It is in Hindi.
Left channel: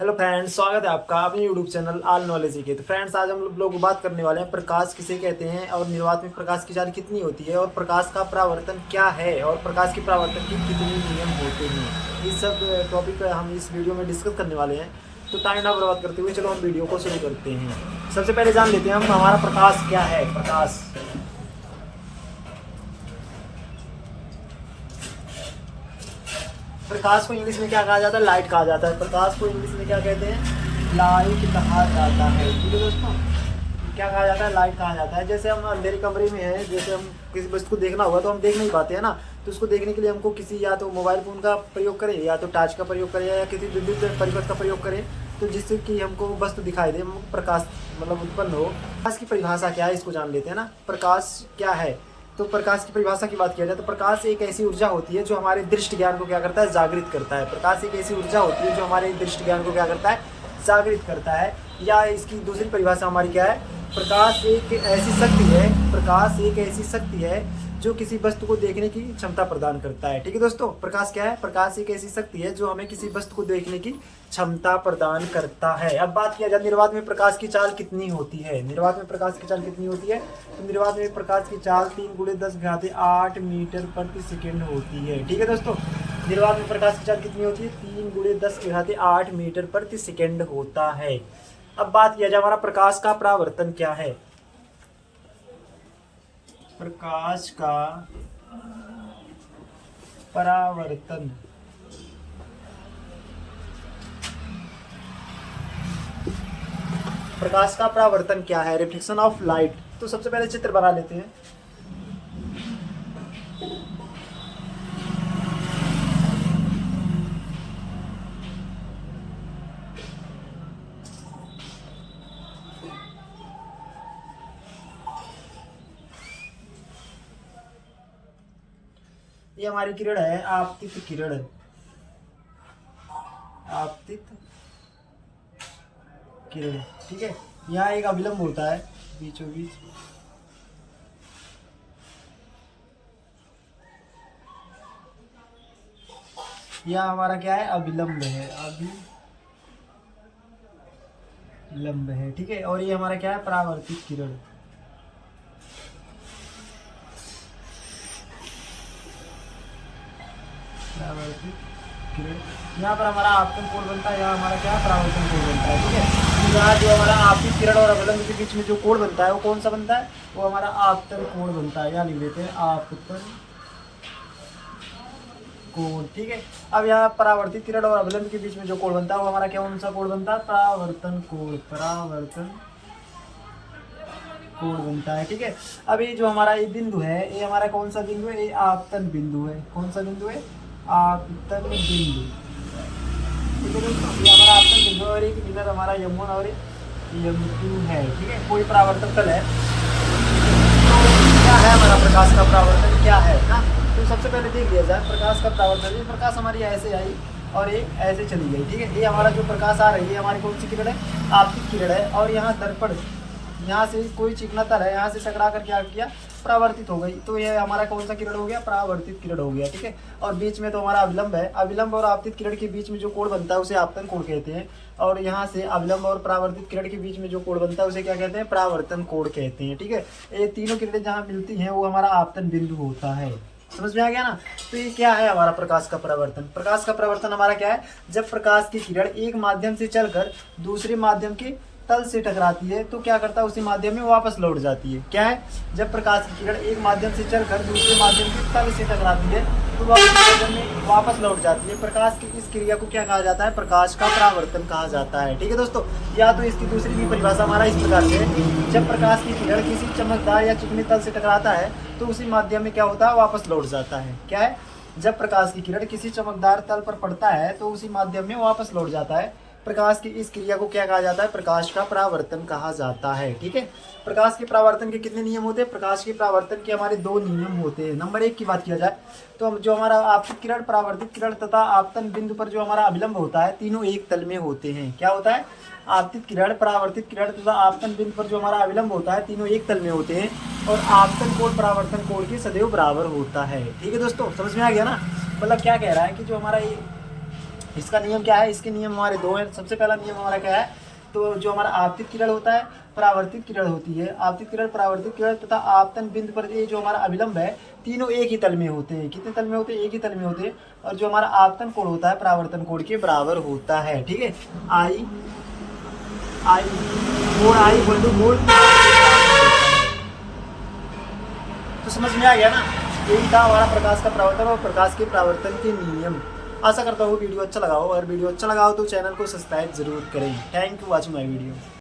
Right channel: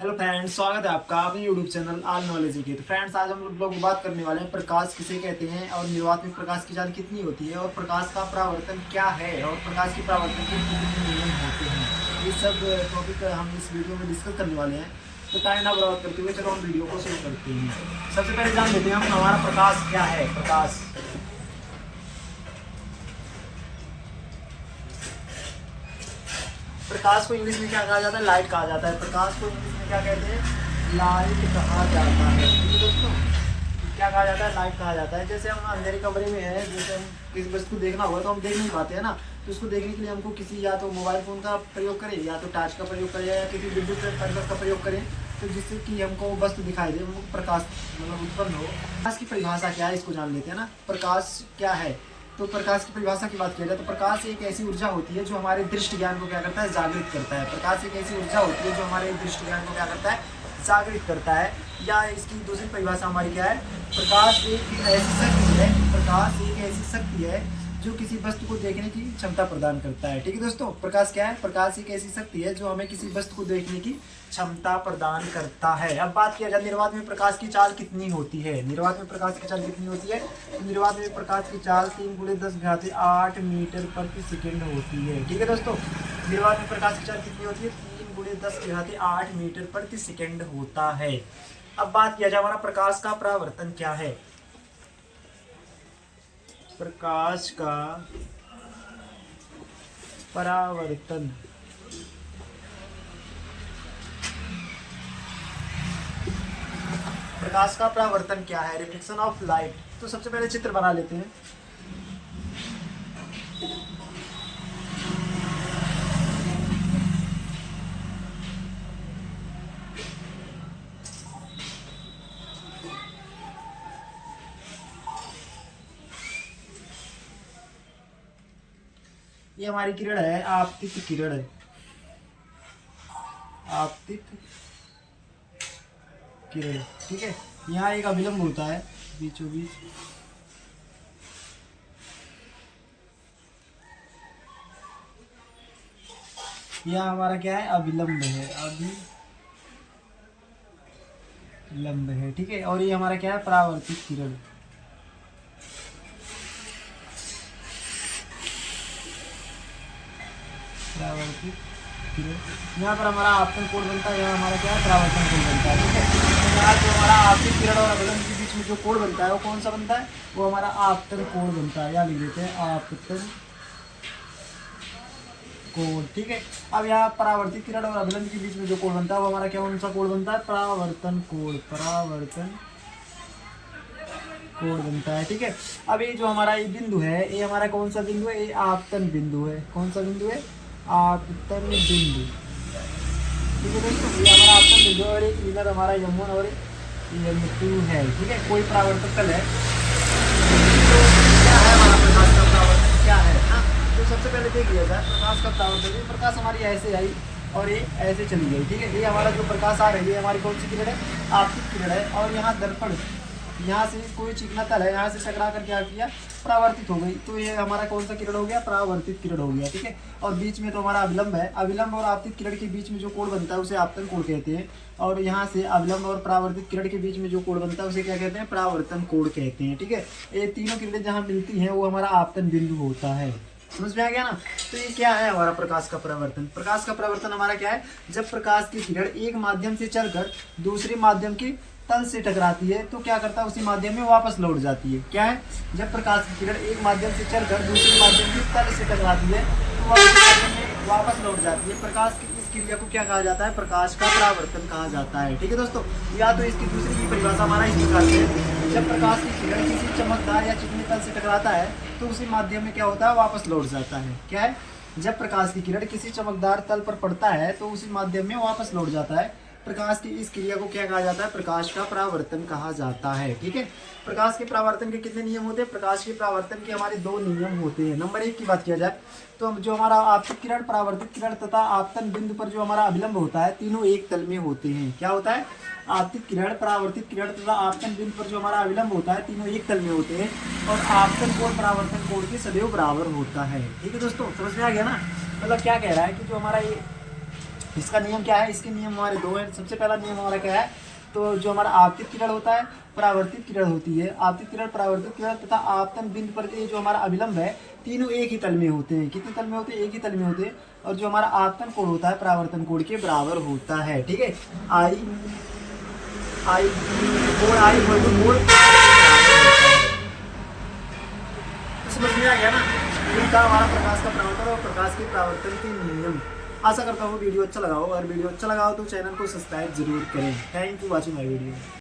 हेलो फ्रेंड्स, स्वागत है आपका अपने यूट्यूब चैनल ऑल नॉलेज के। तो फ्रेंड्स, आज हम लोग बात करने वाले हैं प्रकाश किसे कहते हैं और निर्वात में प्रकाश की चाल कितनी होती है और प्रकाश का परावर्तन क्या है और प्रकाश के परावर्तन के कितने नियम होते हैं। इस सब टॉपिक हम इस वीडियो में डिस्कस करने वाले हैं। तो टाइम ना बर्बाद करते हुए चलो हम वीडियो को शुरू करते हैं। सबसे पहले जान लेते हैं हम हमारा प्रकाश क्या है। प्रकाश को इंग्लिश में क्या कहा जाता है? लाइट कहा जाता है। प्रकाश को इंग्लिश में क्या कहते हैं? लाइट कहा जाता है। ठीक है दोस्तों, क्या कहा जाता है? लाइट कहा जाता है। जैसे हम अंधेरे कमरे में हैं, जैसे हम किसी वस्तु को देखना हुआ तो हम देख नहीं पाते हैं ना, तो उसको देखने के लिए हमको किसी या तो मोबाइल फोन का प्रयोग करें या तो टॉर्च का प्रयोग करें या किसी विद्युत परिपथ का प्रयोग करें, तो जिससे कि हमको वस्तु दिखाई दे, प्रकाश मतलब उत्पन्न हो। प्रकाश की परिभाषा क्या है, इसको जान लेते हैं ना। प्रकाश क्या है? तो प्रकाश की परिभाषा की बात किया जाए तो प्रकाश एक ऐसी ऊर्जा होती है जो हमारे दृष्टि ज्ञान को क्या करता है? जागृत करता है। प्रकाश एक ऐसी ऊर्जा होती है जो हमारे दृष्टि ज्ञान को क्या करता है? जागृत करता है। या इसकी दूसरी परिभाषा हमारी क्या है? प्रकाश एक ऐसी शक्ति है, प्रकाश एक ऐसी शक्ति है जो किसी वस्तु को देखने की क्षमता प्रदान करता है। ठीक है दोस्तों, प्रकाश क्या है? प्रकाश एक ऐसी शक्ति है जो हमें किसी वस्तु को देखने की क्षमता प्रदान करता है। अब बात किया जाए निर्वात में प्रकाश की चाल कितनी होती है। निर्वात में प्रकाश की चाल कितनी होती है? तो निर्वात में प्रकाश की चाल 3 × 10⁸ मीटर प्रति सेकेंड होती है। ठीक है दोस्तों, निर्वात में प्रकाश की चाल कितनी होती है? 3 × 10⁸ मीटर प्रति सेकेंड होता है। अब बात किया जाए हमारा प्रकाश का परावर्तन क्या है। प्रकाश का परावर्तन प्रकाश का परावर्तन क्या है? Reflection of light. तो सबसे पहले चित्र बना लेते हैं। ये हमारी किरण है, आपतित किरण है, आपतित किरण। ठीक है, यहाँ एक अभिलंब होता है बीचों बीच, यहाँ हमारा क्या है? अभिलंब है, अभिलंब है। ठीक है, और ये हमारा क्या है? परावर्तित किरण। यहाँ पर हमारा आपतन कोण बनता है, यहाँ हमारा क्या? परावर्तन कोण बनता है। ठीक है, तो यहाँ जो हमारा आपतित किरण और अभिलंब के बीच में जो कोण बनता है वो कौन सा बनता है? वो हमारा आपतन कोण बनता है। यहाँ लिख देते हैं आपतन कोण। ठीक है, अब यहाँ परावर्तित किरण और अभिलंब के बीच में जो कोण बनता है वो हमारा क्या कौन सा कोण बनता है? परावर्तन कोण। परावर्तन कोण बनता है। ठीक है, अब ये जो हमारा ये बिंदु है, ये हमारा कौन सा बिंदु है? ये आपतन बिंदु है। कौन सा बिंदु है? आपतन बिंदु। ठीक है दोस्तों, ये हमारा आपतन बिंदु और एक इधर हमारा M1 और M2 है। ठीक है, कोई परावर्तक तल है। तो क्या है हमारा प्रकाश का परावर्तन क्या है ना? तो सबसे पहले देख लिया जाए प्रकाश का परावर्तन। ये प्रकाश हमारी ऐसे आई और ये ऐसे चली गई। ठीक है, ये हमारा जो प्रकाश आ रही है हमारी कौन सी किरण है? आपतित किरण है। और यहाँ दर्पण, यहाँ से कोई चिकना तल है, यहाँ से टकरा कर क्या किया? परावर्तित हो गई। तो ये हमारा कौन सा किरण हो गया? परावर्तित किरण हो गया। ठीक है, और बीच में तो हमारा अविलंब है। अविलंब और आपतित किरण के बीच में जो कोण बनता है उसे आपतन कोण कहते हैं। और यहाँ से अविलंब और परावर्तित किरण के बीच में जो कोण बनता है उसे क्या कहते हैं? परावर्तन कोण कहते हैं। ठीक है, ये तीनों किरणें जहाँ मिलती हैं वो हमारा आपतन बिंदु होता है। समझ में आ गया ना? तो ये क्या है हमारा प्रकाश का परावर्तन? प्रकाश का परावर्तन हमारा क्या है? जब प्रकाश की किरण एक माध्यम से चलकर दूसरे माध्यम के तल से टकराती है तो क्या करता है? उसी माध्यम में वापस लौट जाती है। क्या है? जब प्रकाश की किरण एक माध्यम से चलकर दूसरे माध्यम के तल से टकराती है तो वह उसी माध्यम में वापस लौट जाती है। प्रकाश की इस क्रिया को क्या कहा जाता है? प्रकाश का परावर्तन कहा जाता है। ठीक है दोस्तों, या तो इसकी दूसरी भी परिभाषा हमारा इस प्रकार से, जब प्रकाश की किरण किसी चमकदार या चिकने तल से टकराता है तो उसी माध्यम में क्या होता है? वापस लौट जाता है। क्या है? जब प्रकाश की किरण किसी चमकदार तल पर पड़ता है तो उसी माध्यम में वापस लौट जाता है। प्रकाश की इस क्रिया को क्या कहा जाता है? प्रकाश का परावर्तन कहा जाता है। ठीक है, प्रकाश के परावर्तन के कितने नियम होते हैं? प्रकाश के परावर्तन के हमारे 2 नियम होते हैं। नंबर 1 की बात किया जाए तो जो हमारा आपतित किरण, परावर्तित किरण तथा आपतन बिंदु पर जो हमारा अभिलंब होता है, तीनों एक तल में होते हैं। क्या होता है? आपतित किरण, परावर्तित किरण तथा आपतन बिंदु पर जो हमारा अविलंब होता है तीनों एक तल में होते हैं और आपतन कोण परावर्तन कोण के सदैव बराबर होता है। ठीक है दोस्तों, समझ में आ गया ना? मतलब क्या कह रहा है कि जो हमारा ये इसका नियम क्या है, इसके नियम हमारे दो हैं। सबसे पहला नियम हमारा क्या है, तो जो हमारा आपतित किरण होता है, परावर्तित किरण होती है। आपतित किरण, परावर्तित किरण तथा आपतन बिंदु पर ये जो हमारा अभिलंब है, तीनों एक ही तल में होते हैं। कितने तल में होते हैं? एक ही तल में होते हैं। और जो हमारा आपतन कोण होता है, परावर्तन कोण के बराबर होता है। ठीक है, आई आई कोण आई कोण, तो समझ में आ गया ना। यही था हमारा प्रकाश का परावर्तन और प्रकाश के परावर्तन के नियम। आशा करता हूँ वीडियो अच्छा लगा हो, और वीडियो अच्छा लगा हो तो चैनल को सब्सक्राइब जरूर करें। Thank you watching my video.